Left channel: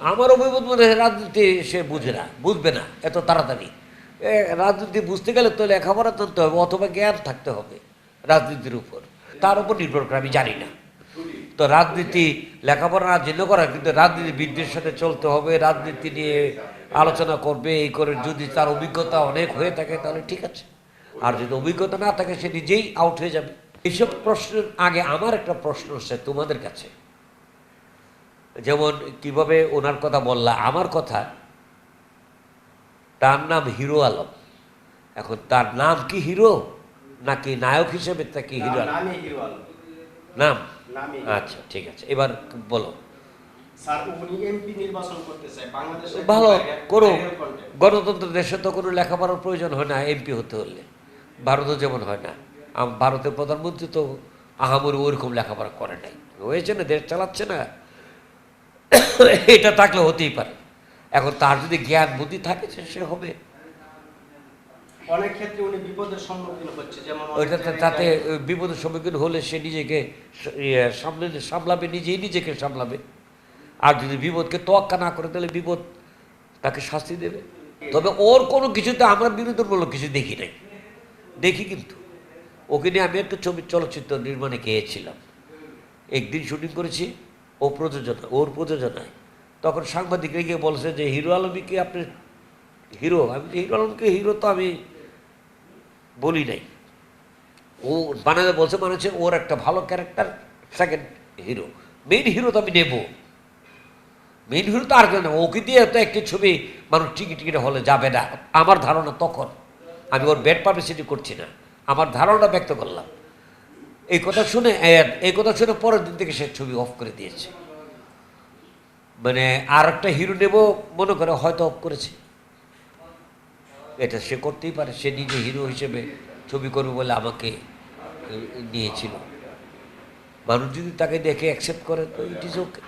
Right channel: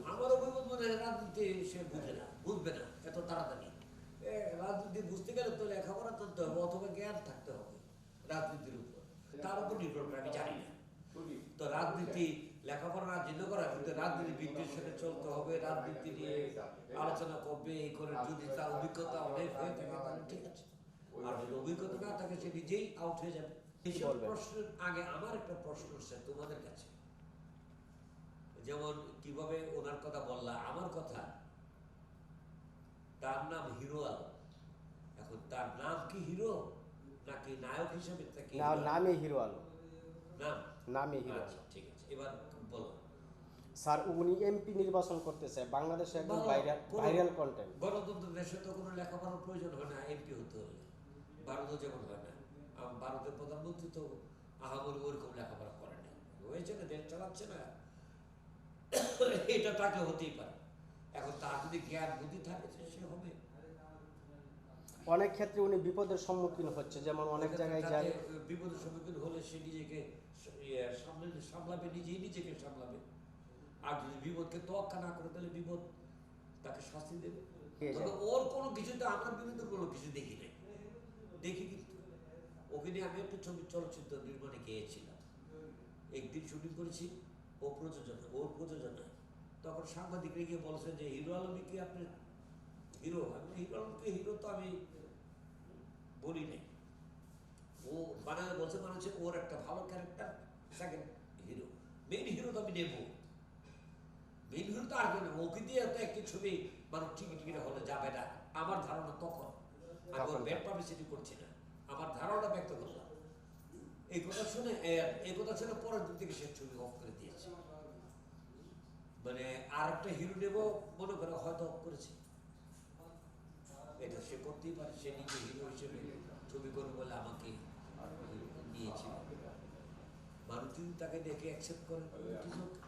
আমার অভিমত মনে হয় রাজনীতি সে বুঝে না, বুঝবে না, এত তাড়াতাড়ি। রাজনীতি বুঝতে গেলে তো লেখাপড়া জানতে হবে, অথবা জ্ঞান থাকতে হবে রাজনীতির উপর। তার উপর নির্ভর করে, আমি জানি না। তো রাজনীতি, লেখাপড়া না জেনে করা, কিন্তু রাজনীতি রাজনীতিবিদদের সাথে চলতে হবে, রাজনীতি নিয়ে আলোচনা করবে, এই করে যদি তার অভিজ্ঞতা অনেক হয়ে থাকে, তাহলে ঠিক আছে। আর যদি অভিজ্ঞতা না থাকে, সে নিজেই আউট হয়ে যাবে। এইসব প্রশ্নের আগে আমার একটা প্রশ্ন হচ্ছে তোমাদের কাছে। যেমন কীভাবে ওনার কথা বললা আমার কথা তার নাম হিরো আলম। এখন তার নাম কি হিরো নাকি নায়ক হিসেবে তাকে হিরো আলম? নাম? আচ্ছা ঠিক আছে এবার বলো। ভালো করো গণতন্ত্র দেশে তো কোনো লেখাপড়ার প্রয়োজন হয় না এমপি হতে হলে। ভারতও যেমন হয় না। ভারতের প্রধানমন্ত্রী তো আহামরি ওইরকম লেখাপড়া করে নাই। হয়েছে না দেশ চালাচ্ছে না? এটা থাকলে হতেই পারে। এখন তার যদি জ্ঞান বুদ্ধি থাকে সে- সে হবে। অনেক ক্ষেত্রে উনি বিপদের সম্মুখীন হচ্ছে যেমন অনেক তাতে বিপদের সম্মুখীন হলে সে নিজেকে ইয়ে, সামলে সামলাবে নিজেই নিজেকে সামলাবে। আর যদি বিপদকে তোয়াক্কা না করে তাহলে বিপদ তাকে শাস্তি দেবে। তবে ওর কোনো কিছুতে আমরা বিনোদনমূলক কিছু দেখি নাই। দেখি কিন্তু। ওকে নিয়ে আমি একটা ছবি চলচ্চিত্র নির্মাণে গিয়েছিলাম। একদিন শুটিং করেছি। ও প্রযোজনা ওর প্রযোজনায়। তখন সাংবাদিকরা গিয়ে বলছে যে, হিরো আলমী কি আপনি হিরো, আমি হিরো আলমকে হিরো তো আমি বলি নাই। ও বানাতে বলছে মানে হচ্ছে ওর একটা ভালো character second hero main hero তো আমি নেব। মেইন হিরো তো আর কেউ না ওকে দিয়ে তো একটি ছবি মানুষ টিকিট টিকিটে হলে যাবে না। আমার ধারণা তখন, আমি ওর ব্যাড পাবলিসিটি করছি না। আমার ধারণা ব্যক্ত করলাম। এই কথা শুনে, এই কথা শুনে পরের দিন থেকে সে ছবি অফ করে দিয়েছে। মানে আর একটা হিরো নেব মনে করে হয়তো অফ করেছে। এটা সে করতেই পারে, সে নিজে হিরো হিসেবে ছবি করবে বলে আমাকে নিয়েছিল। মানুষ যদি তাকে দেখে অ্যাকসেপ্ট করে, তো ইট ইজ ওকে